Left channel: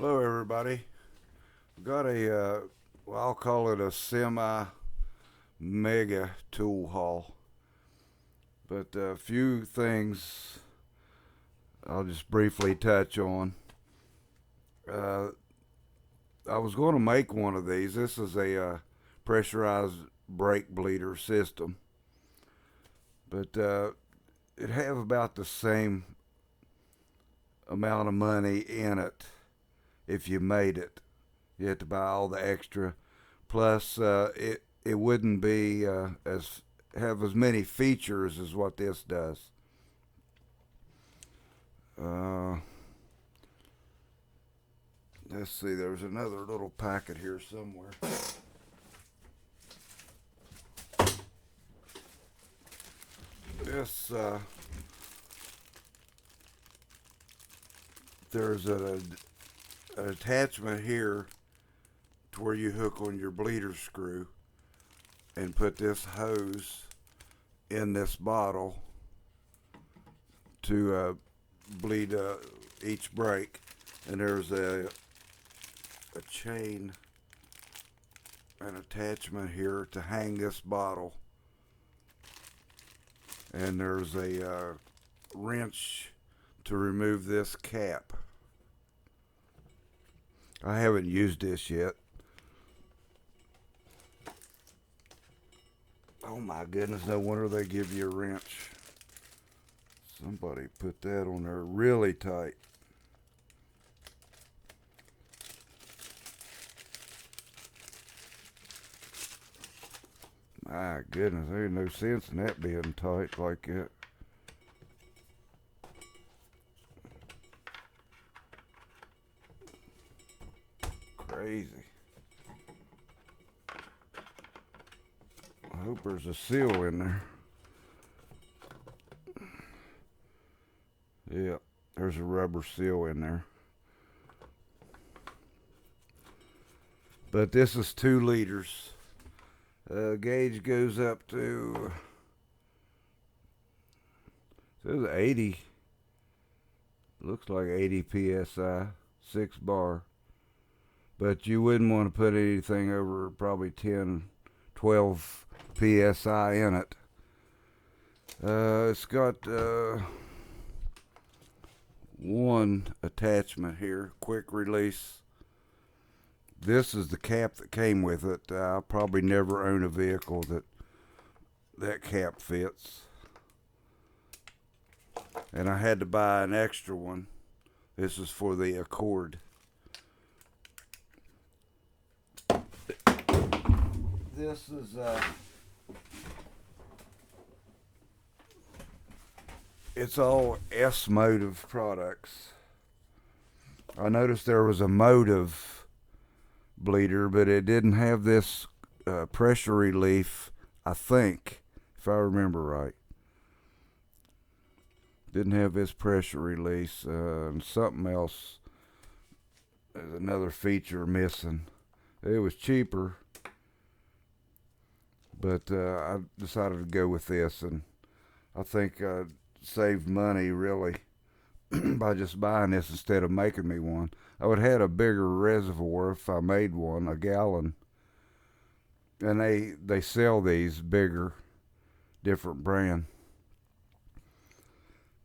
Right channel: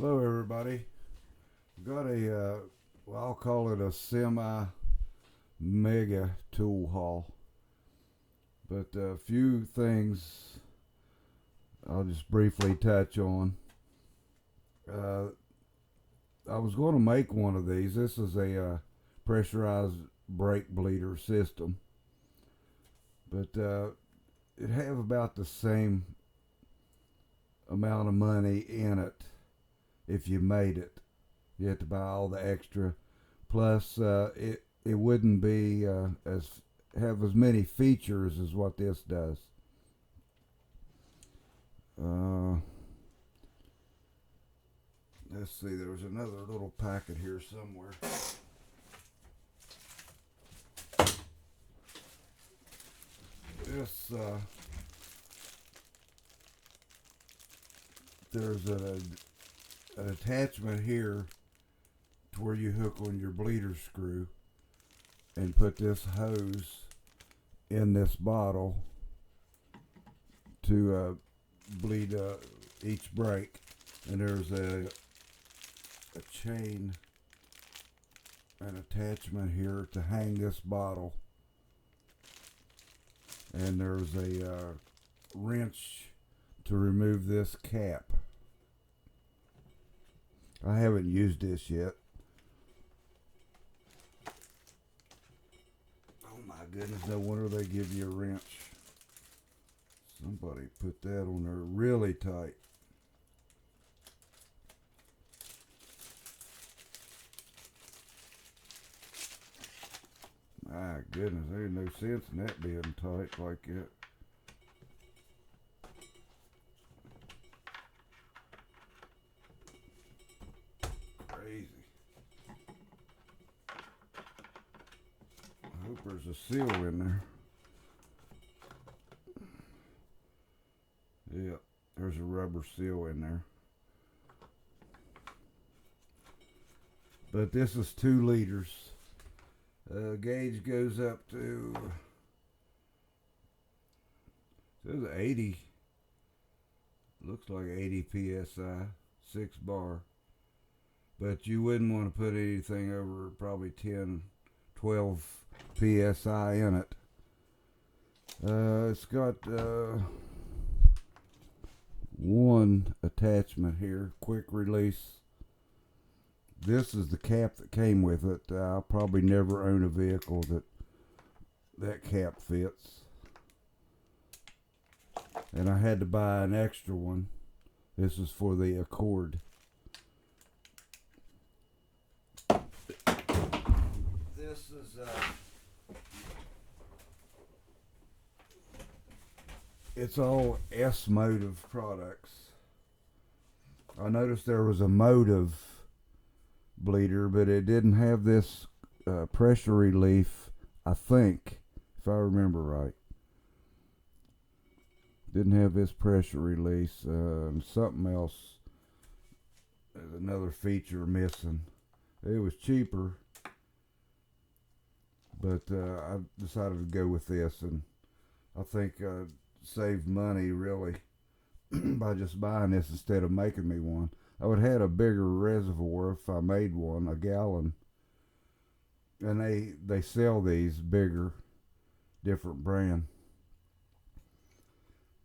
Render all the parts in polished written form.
Hello, everybody. Got well, I'll call it a semi mega tool haul, but a few things I'll just briefly touch on. Uh, I was going to make one of these. This is a pressurized brake bleeder system, but it have about the same amount of money in it if you made it. You have to buy all the extra. Plus, it wouldn't be as have as many features as what this does. Uh, let's see. There's another little packet here somewhere. This there's an attachment here to where you hook on your bleeder screw and put this hose in this bottle to bleed each brake. And there's a chain, an attachment here to hang this bottle. And there's a wrench to remove this cap. I haven't used this yet. Oh my goodness, no wonder they give you a wrench. Somebody put that on there really tight. My goodness, there ain't no sense in that being tight like that. Crazy. I hope there's a seal in there. Yeah, there's a rubber seal in there. But this is 2 liters. Gauge goes up to, says 80. Looks like 80 psi, 6 bar. But you wouldn't want to put anything over probably 10, 12 psi in it. It's got one attachment here, quick release. This is the cap that came with it. I'll probably never own a vehicle that cap fits. And I had to buy an extra one. This is for the Accord. This is it's all S Motive products. I noticed there was a Motive bleeder, but it didn't have this pressure relief, I think, if I remember right. Didn't have this pressure release, and something else. There's another feature missing. It was cheaper, but I decided to go with this, and I think I saved money really by just buying this instead of making me one. I would have had a bigger reservoir if I made one, a gallon. And they sell these bigger, different brand.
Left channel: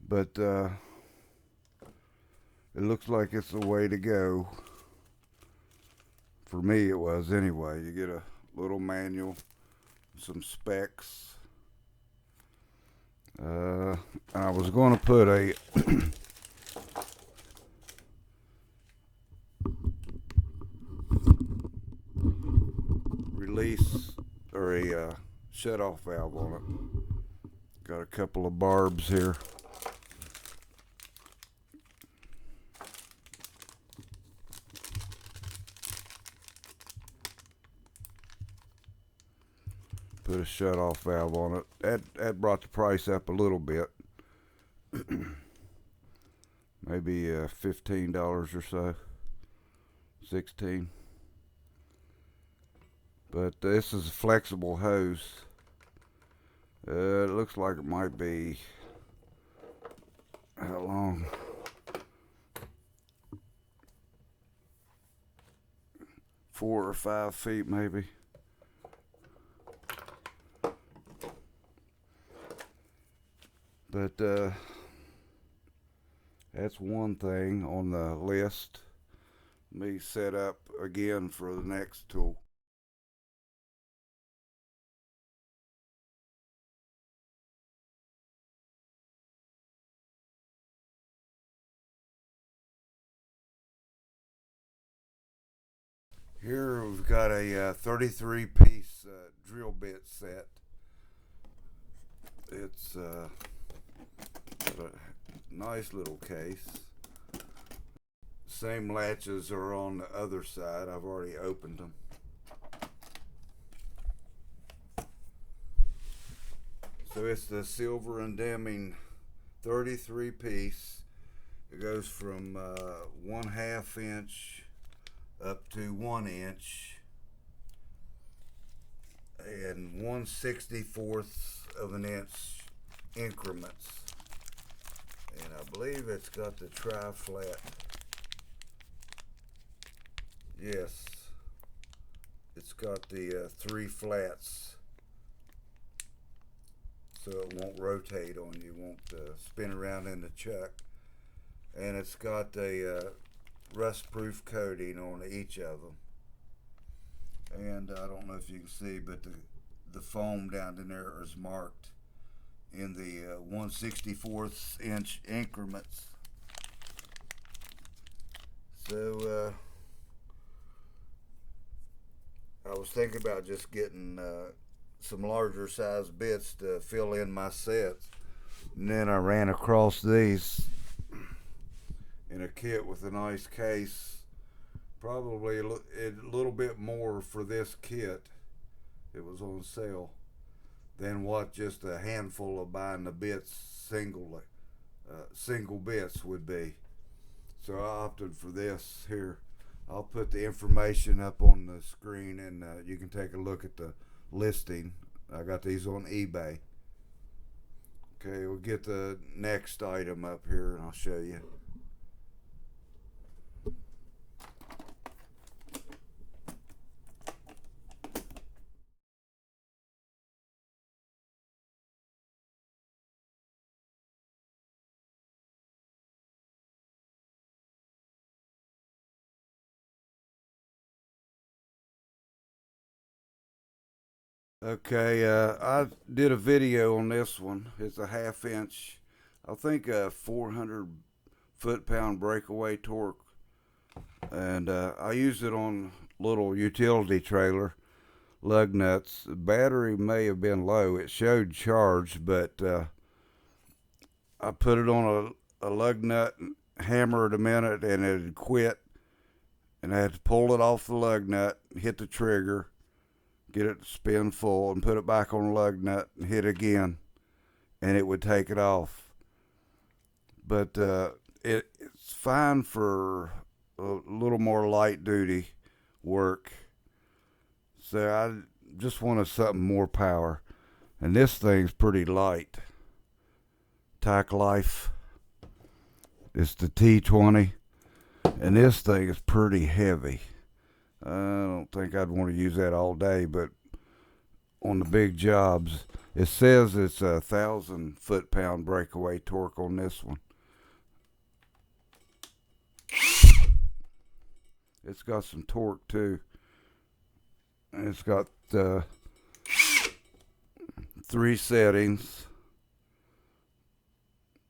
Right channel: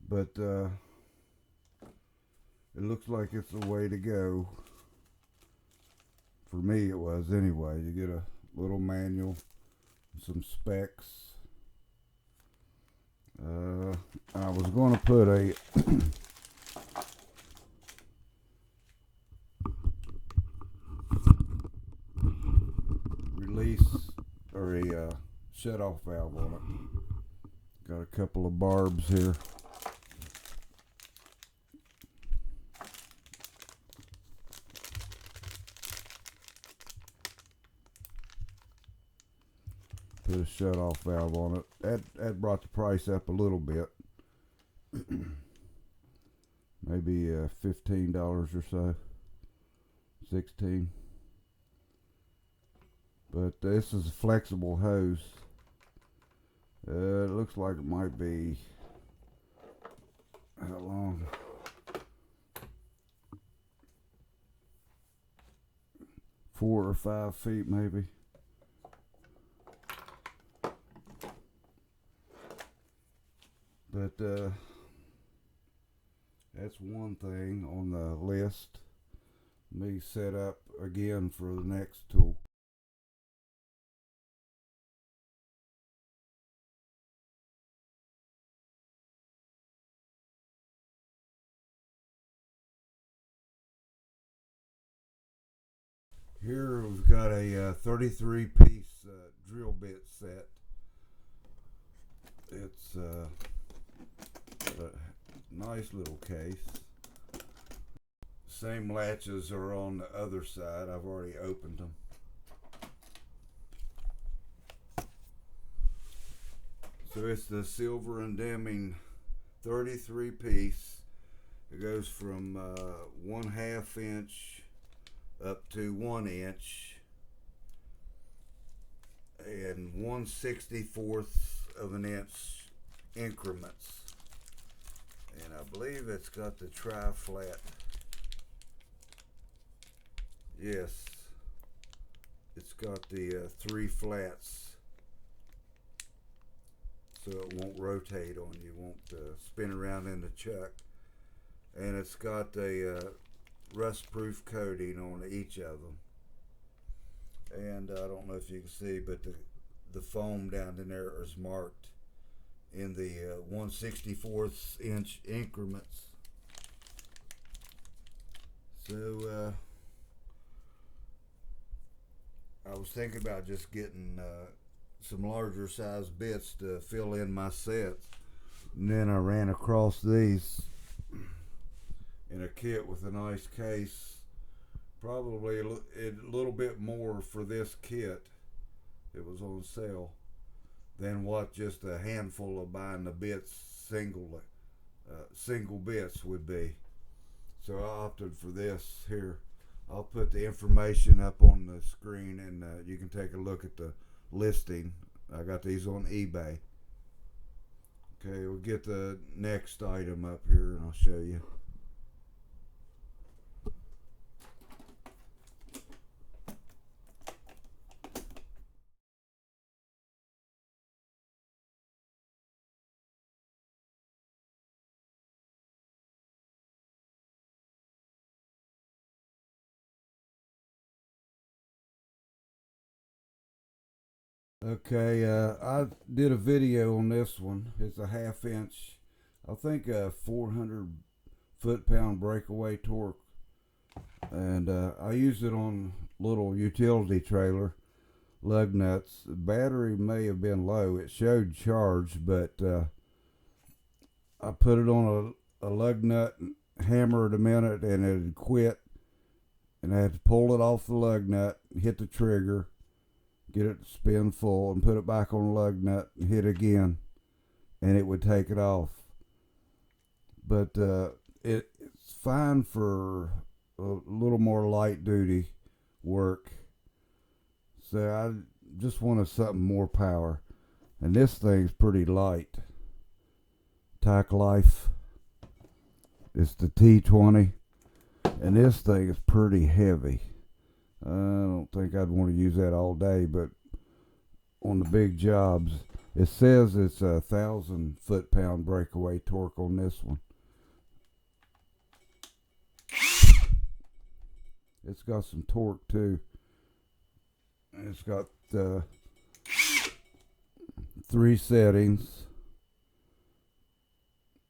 But it looks like it's the way to go. For me it was anyway. You get a little manual, some specs. I was going to put a release or a shut-off valve on it. Got a couple of barbs here. Put a shut-off valve on it. That brought the price up a little bit. Maybe $15 or so. 16. But this is a flexible hose. It looks like it might be, how long? 4 or 5 feet maybe. But that's one thing on the list. Me set up again for the next tool. Here we've got a 33 piece drill bit set. It's a nice little case. Same latches are on the other side. I've already opened them. So it's the Silver and Deming 33 piece. It goes from 1/2 inch up to 1 inch and 1/64 of an inch increments. And I believe it's got the tri-flat. Yes, it's got the 3 flats, so it won't rotate on you, won't spin around in the chuck. And it's got a rust-proof coating on each of them. And I don't know if you can see, but the foam down in there is marked in the 1/64 inch increments. So I was thinking about just getting some larger size bits to fill in my sets, and then I ran across these in a kit with a nice case. Probably a little bit more for this kit. It was on sale than what just a handful of buying the bits single bits would be. So I opted for this here. I'll put the information up on the screen, and you can take a look at the listing. I got these on eBay. Okay, we'll get the next item up here and I'll show you. Okay, I did a video on this one. It's a 1/2 inch, I think a 400 foot-pound breakaway torque. And I used it on little utility trailer lug nuts. The battery may have been low. It showed charged, but I put it on a lug nut and hammered a minute and it had quit. And I had to pull it off the lug nut, hit the trigger, get it to spin full, and put it back on the lug nut and hit again, and it would take it off. But it's fine for a little more light duty work. So I just wanted something more power, and this thing's pretty light. Tack Life. It's the T20, and this thing is pretty heavy. I don't think I'd want to use that all day, but on the big jobs, it says it's a 1,000 foot-pound breakaway torque on this one. It's got some torque too. And it's got 3 settings.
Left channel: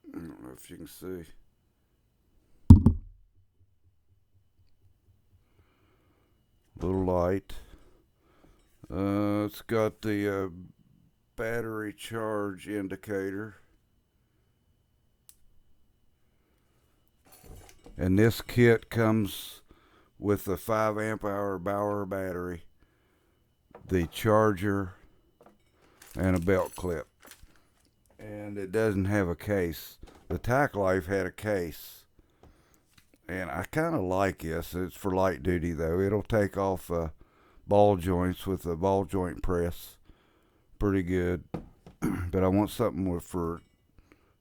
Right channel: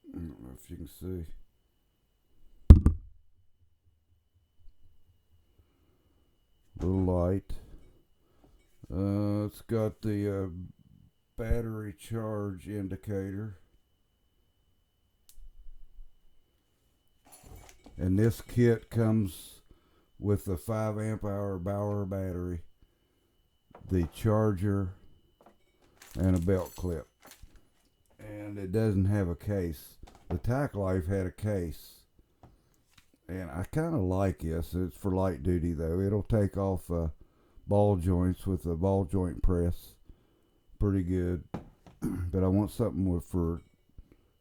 I don't know if you can see. Little light. It's got the battery charge indicator. And this kit comes with the 5 amp hour Bauer battery, the charger, and a belt clip. And it doesn't have a case. The Tack Life had a case. And I kind of like this. It's for light duty though. It'll take off ball joints with a ball joint press. Pretty good. But I want something for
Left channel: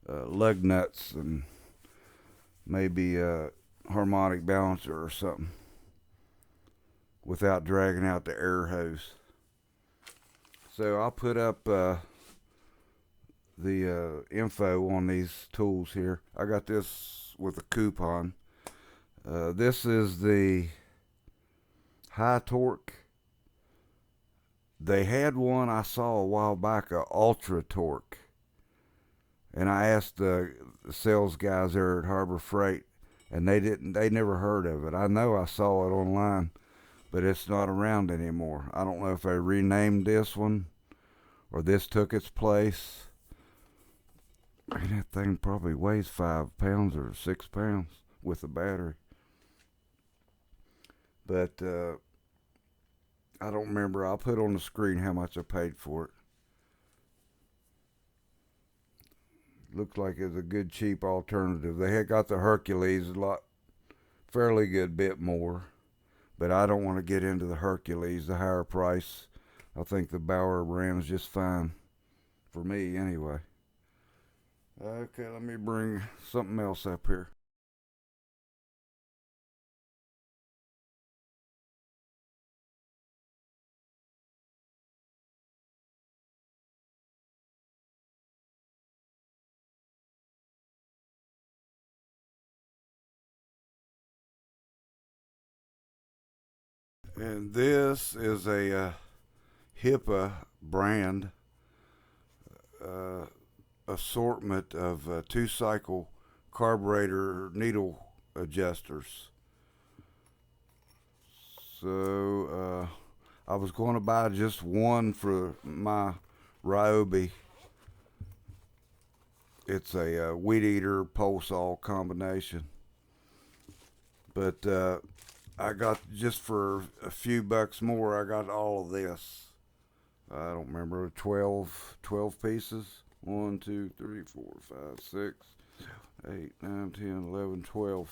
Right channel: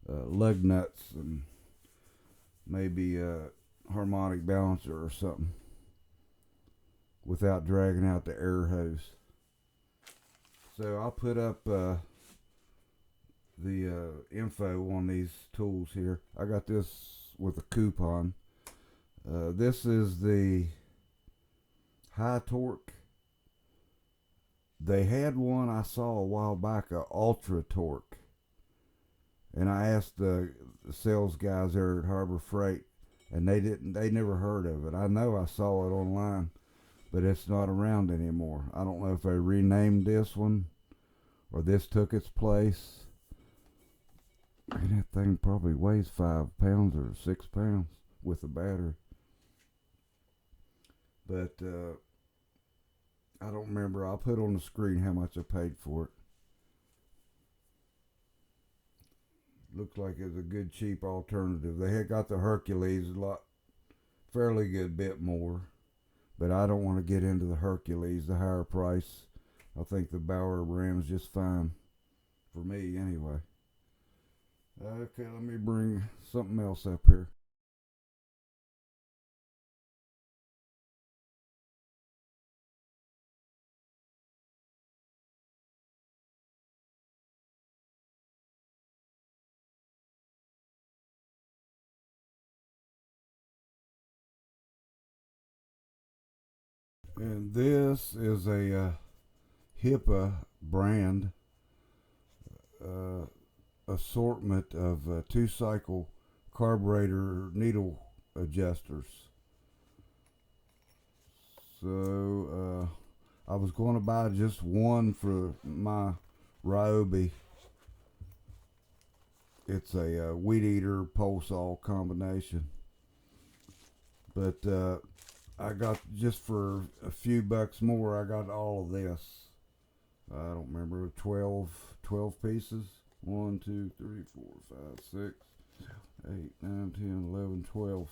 lug nuts and maybe a harmonic balancer or something. without dragging out the air hose. So I'll put up the info on these tools here. I got this with a coupon. This is the high torque. They had one I saw a while back, a ultra torque, and I asked the sales guys there at Harbor Freight, and they never heard of it. I know I saw it online, but it's not around anymore. I don't know if they renamed this one or this took its place. And that thing probably weighs 5 pounds or 6 pounds with the battery. But I don't remember. I'll put on the screen how much I paid for it. Looks like it's a good cheap alternative. They had got the Hercules a lot, fairly good bit more, but I don't want to get into the Hercules, the higher price. I think the Bauer brand is just fine for me anyway. Okay, let me bring something else up here. And this is a HIPAA brand uh, assortment of two-cycle carburetor needle adjusters. So I was going to buy just one for my Ryobi. It's a weed eater pole saw combination, but I got just for a few bucks more. I got all of this. I don't remember 12 pieces. 1, 2, 3, 4, 5, 6, 8, 9, 10, 11, 12.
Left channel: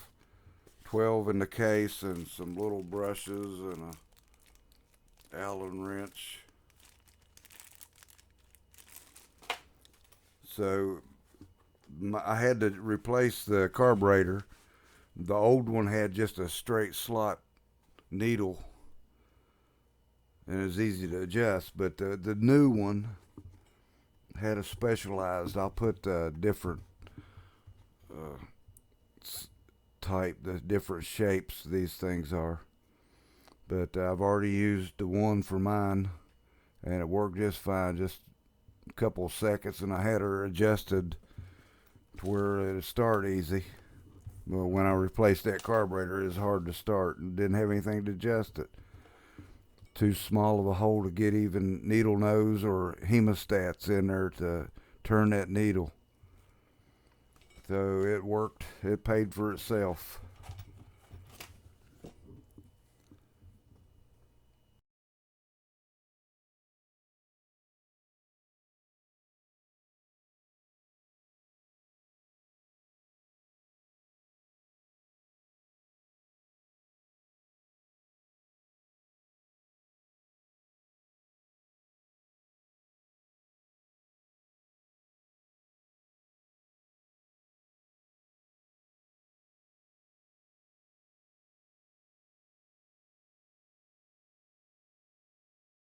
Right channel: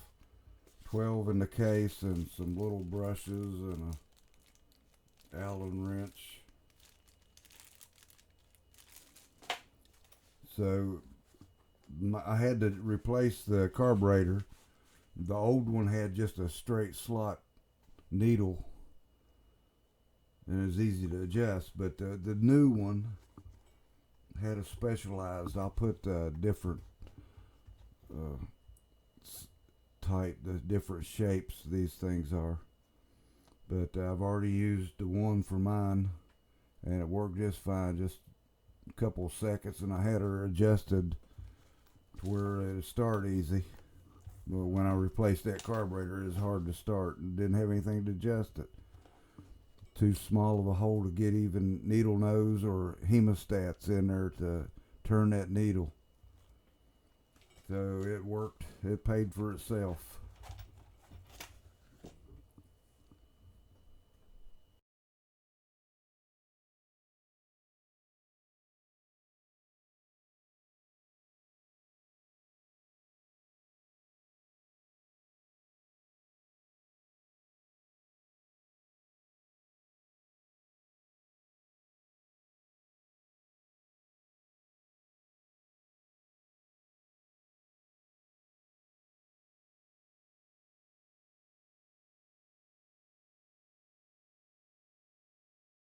12 in the case and some little brushes and a Allen wrench. So I had to replace the carburetor. The old one had just a straight slot needle and it was easy to adjust, but the new one had a specialized. I'll put different uh, type, the different shapes these things are. But I've already used the one for mine, and it worked just fine. Just a couple of seconds, and I had her adjusted to where it'd start easy. Well, when I replaced that carburetor, it was hard to start and didn't have anything to adjust it. Too small of a hole to get even needle nose or hemostats in there to turn that needle. So it worked. It paid for itself.